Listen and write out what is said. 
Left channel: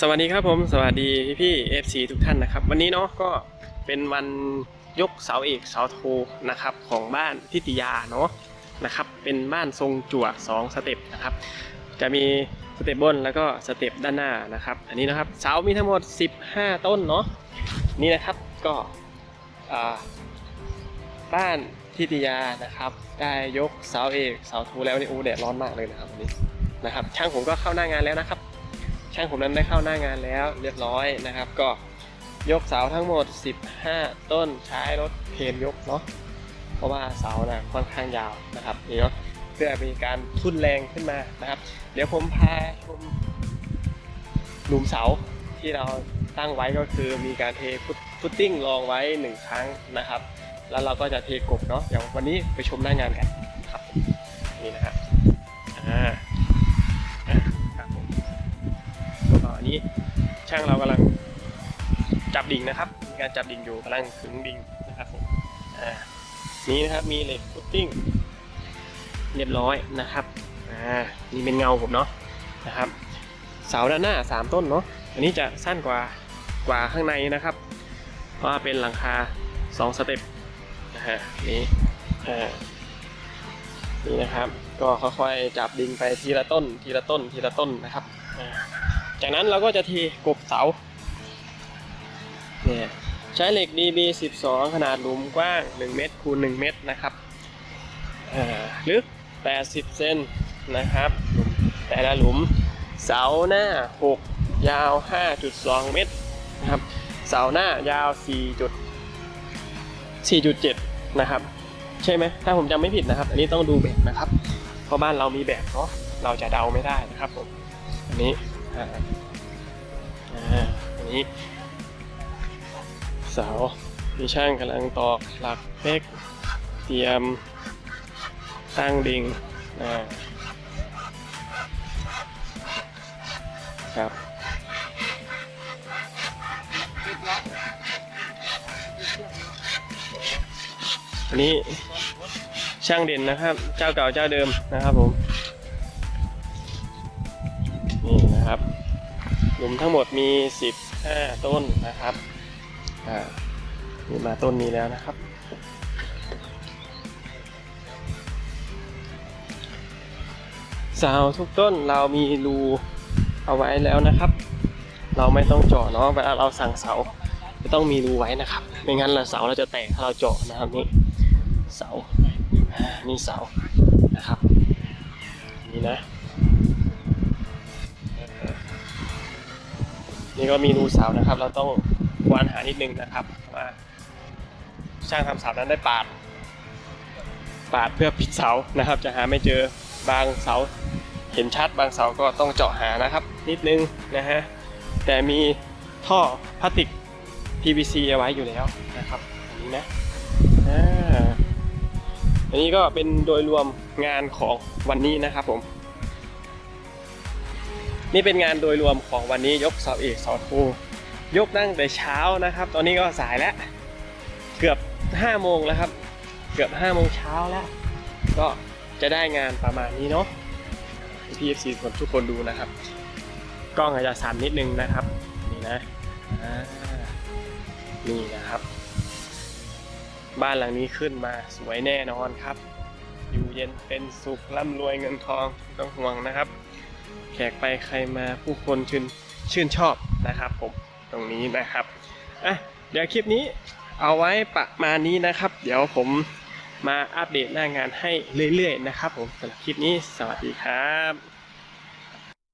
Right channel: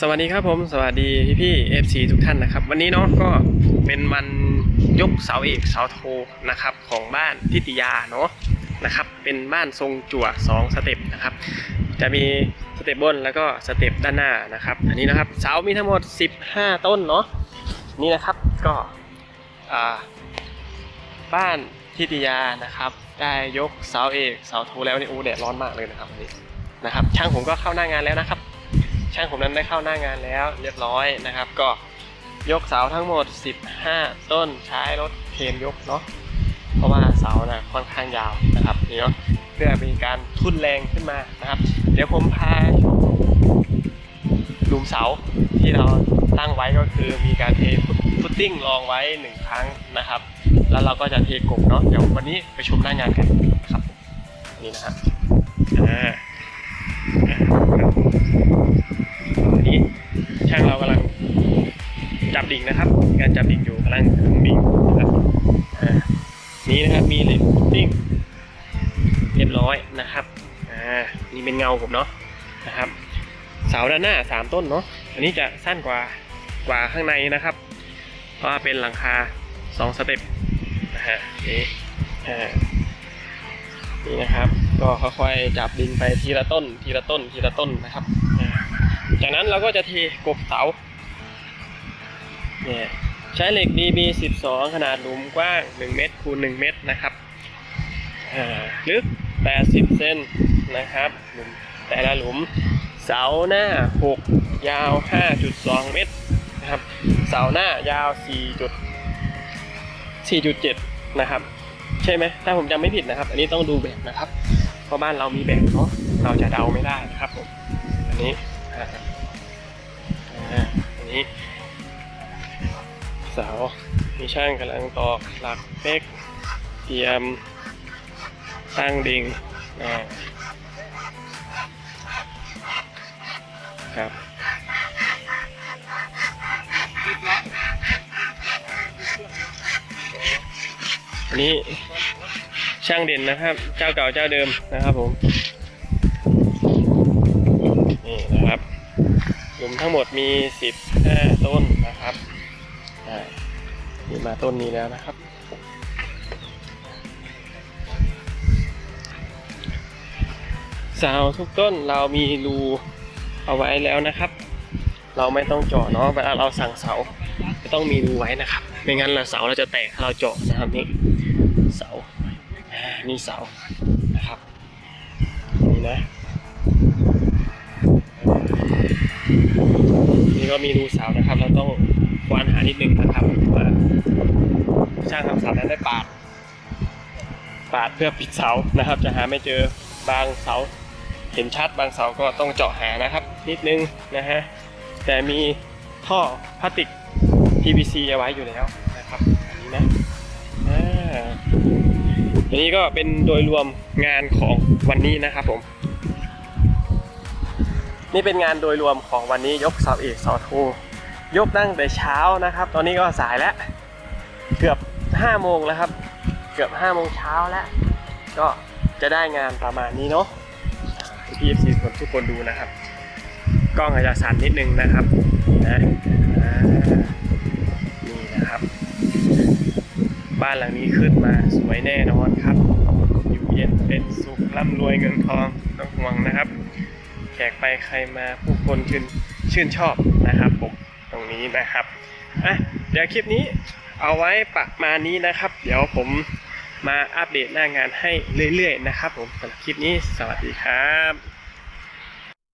สวัสดีครับผมสวัสดีพี่พี่เอฟซีทุกท่านนะครับ วันนี้เนาะก็เป็นวันยกเสาเอกเสาโทนะครับของบ้านทิติยาเนาะนะครับ เป็นบ้านทรงจั่ว2สเต็ปนะครับ จะมีสเต็ปบนแล้วก็สเต็ปด้านหน้านะครับ อันนี้นะครับเสามีทั้งหมด 15 ต้นเนาะนี่นะครับก็บ้านทิติยานะครับ ได้ยกเสาเอกเสาโทแล้วนี่โอ้แดดร้อนมากเลยนะครับวันนี้นะครับ ช่างผมก็เข้าหน้างานแล้วนะครับ ช่างผมนั้นได้เข้าหน้างานแล้วเรียบร้อยนะครับ ก็ยกเสาทั้งหมด 15 ต้นใช้รถเคนยกเนาะเพราะว่าเสานะค่อนข้างยาวนะครับนี่เนาะเพื่อมีการทุ่นแรงขึ้นมานะครับ เดี๋ยวผมพาชมหลุมเสาที่เราตั้งไว้ก็คือมีการเทฟุตติ้งรองไว้หนึ่งครั้งนะครับ แล้วเราก็จะเทกบเนาะเดี๋ยววันนี้ไปชมหน้างานกันครับ นี่นะครับอ่า นี้ ช่างเรากำลังจับดิ่งนะครับงานจับดิ่งอยู่กำลังขึงดิ่งนะครับอ่านี่นะครับมีเหล็กติ้งเรียบร้อยนะครับอ่านี่เป็นเงาผมเนาะนะครับเสาด้านหน้าสามต้นเนาะอันนี้จะสั้นกว่ากว่าข้างในนะครับ เพราะเป็นหลังคาสองสเต็ปนะฮะนี่อ่านี่นะครับ ก็ค่อยๆจับดิ่งไปทีละต้นทีละต้นทีละต้นนะครับ จากนั้นเราก็จะเทกบเสาเนี่ยใช้เหล็ก DB 12 ขนาดหลุมกว้าง 1 เมตรคูณ1เมตรนะครับลึก 80 เซนนะครับหลุมแต่ละหลุมเสาหน้า 6 ยาว 5.2 เมตรนะครับเสาหน้ายาว 4 4.7 นะครับ ใช่ไหมถ้าผมจำไม่ผิดนะครับ อันนี้ต้องดูแบบนะครับ เพราะบ้านเรามีแบบเนาะเราจะเดาไม่ได้นะครับผมอันนี้ อันนี้เสามีช่างกำลังตอกหลักเป๊กเตรียมตั้งดิ่งอ่าครับอันนี้ช่างเด่นนะครับ เจ้าเก่าเจ้าเดิมนะครับผม หลุมทั้งหมดมี 15 ต้นนะครับอ่ามีมาต้นนี้แล้วนะครับเสาทุกต้นเรามีรูเอาไว้แล้วนะครับ เราไม่ต้องเจาะเนาะเวลาเราสั่งเสาจะต้องมีรูไว้นะครับ ไม่งั้นเราเสาเราจะแตกถ้าเราเจาะนะครับนี่เสาอ่านี่เสานะครับนี่นะ นี่ก็มีรูเสานะครับ เราต้องควานหานิดนึงนะครับว่าช่างทำเสานั้นได้ปาด ปาดเพื่อปิดเสานะครับ จะหาไม่เจอบางเสาเห็นชัดบางเสาก็ต้องเจาะหานะครับ นิดนึงนะฮะแต่มีท่อพลาสติก PVC เอาไว้อยู่แล้วนะครับอันนี้นะอ่าอันนี้ก็เป็นโดยรวมงานของวันนี้นะครับผม นี่เป็นงานโดยรวมของวันนี้ยกเสาเอกเสาโทยกตั้งแต่เช้านะครับ ตอนนี้ก็สายแล้ว เกือบ5โมงแล้วครับ เกือบ5โมงเช้าแล้ว ก็จะได้งานประมาณนี้เนาะพี่เอฟซีคนทุกคนดูนะครับ กล้องอาจจะสั่นนิดนึงนะครับ นี่นะนี่นะครับ บ้านหลังนี้ขึ้นมาสวยแน่นอนครับ อยู่เย็นเป็นสุขร่ำรวยเงินทองต้องห่วงนะครับ ขกไปใครมาผู้คนชื่นชื่นชอบนะครับผมตรงนี้นะครับอะเดี๋ยวคลิปนี้เอาไว้ประมาณนี้นะครับ เดี๋ยวผมมาอัปเดตหน้างานให้เรื่อยๆนะครับผมสำหรับคลิปนี้สวัสดีครับ